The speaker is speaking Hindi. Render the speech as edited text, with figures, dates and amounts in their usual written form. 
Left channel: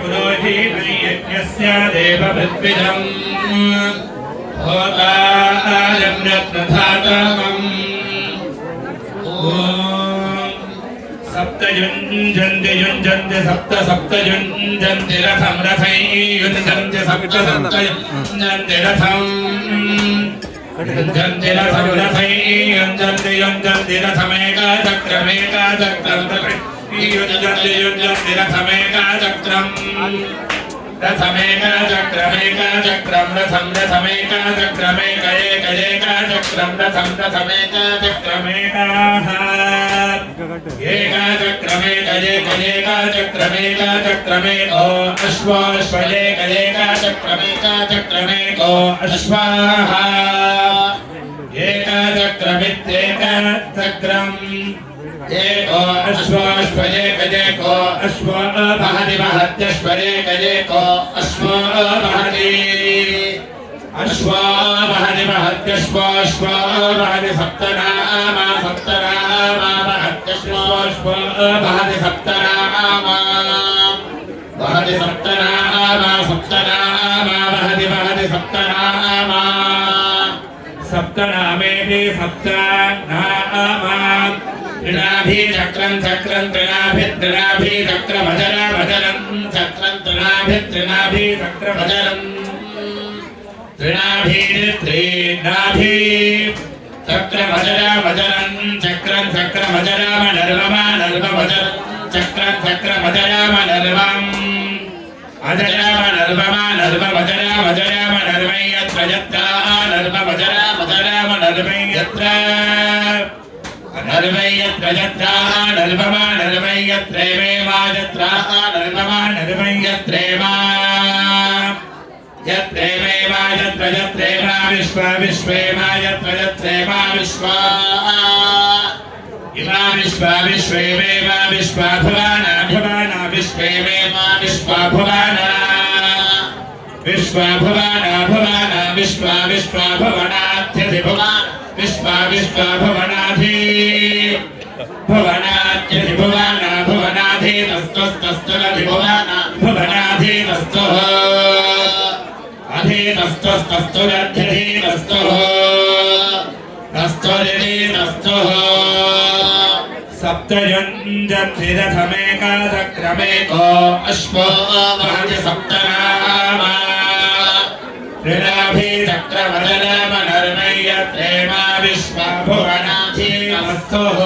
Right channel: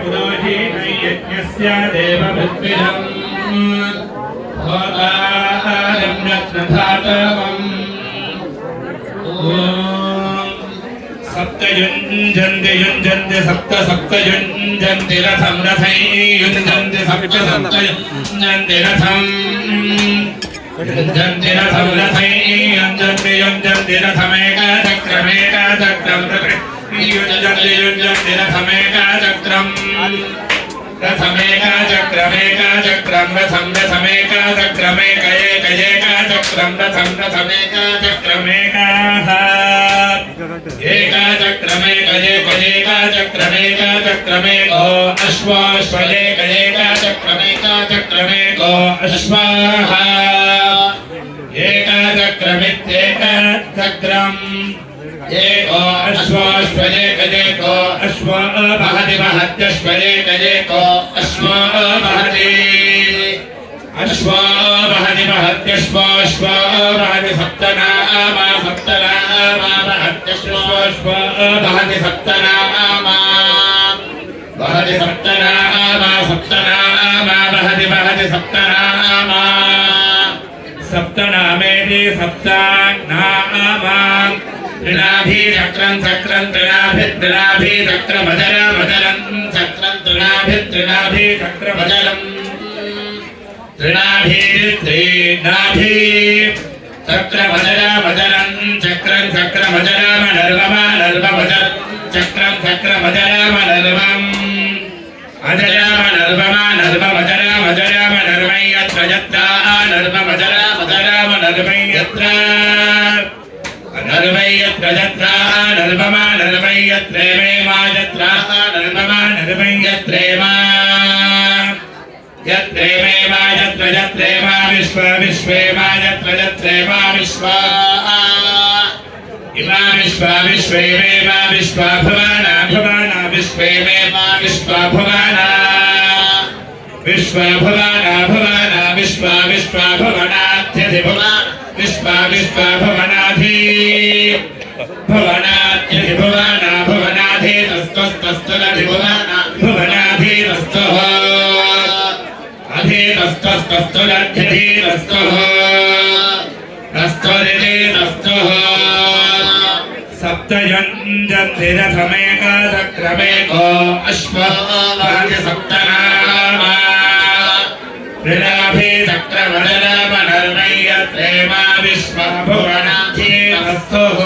पुरोहितयज्ञस्य देवभृद्विजम् होतारं रत्नधातकम् सप्तयुञ्जन्ति युञ्जन्ति सप्त सप्तयुञ्जन्ति रथं रथै युञ्जन्ति सप्त सप्तयुञ्जन्ति रथम् युञ्जन्ति रथं रथै युञ्जन्ति युञ्जन्ति रथमेकाचक्रमेकाचक्रं युञ्जन्ति युञ्जन्ति रथमेकाचक्रम् रथमेकाचक्रमेकाचक्रं रथं रथमेकाचक्रमेकैकैकाचक्रं रथं रथमेकाचक्रमेकाः एकाचक्रमेकैकैकाचक्रमेकाचक्रमेको अश्वाश्वैकैकाचक्रमेकाचक्रमेको अश्वाः एकाचक्रमित्येकाचक्रम् एको अश्वाश्वयेकजेको अश्व बहति महत्यश्वयेकजेको अश्व बहति अश्व बहति महत्यश्वाश्व बहति सप्तनामा सप्तनामा महत्यश्वाश्व बहति सप्तनामा बहति सप्तनामा सप्तनामा बहति बहति सप्तनामा सप्तनामेति सप्तनामा त्रिनाभिचक्रं चक्रं त्रिनाभिचक्रमजरमजरं चक्रं त्रिनाभिचक्रमजरं त्रिनाभिचक्रमजरमजरं चक्रं चक्रमजरमनर्वमनर्वमजरं चक्रं चक्रमजरमनर्वम् अजरमनर्वमनर्वमजरमजरमनर्वै यत्र यत्र नर्वमजरमजरमनर्वै यत्र नर्वै यत्र यत्र नर्वमा नर्वै यत्रेमे मा यत्र नर्वमा नर्वै यत्रेमा यत्रेमे मा यत्र यत्रेमा विश्व विश्वे मा यत्र यत्रेमा विश्वा इमा विश्व विश्वे मे मा विश्वा भुवना भुवना विश्वे मे मा विश्वा भुवना विश्वा भुवना भुवना विश्वा विश्वा भुवनात्यधि भुवना विश्वा विश्वा भुवनाधि भुवनात्यधि भुवना भुवनाधि तस्तस्तस्तुरधि भुवना भुवनाधि तस्तुः अधि तस्तस्तस्तुरध्यधि तस्तुः तस्तुरिधि तस्तुः सप्तयुञ्जन्ति रथमेकाचक्रमेको अश्व बहति सप्तनामा त्रिनाभिचक्रमजरमनर्वै यत्रेमा विश्वा भुवनाधि तस्थुः।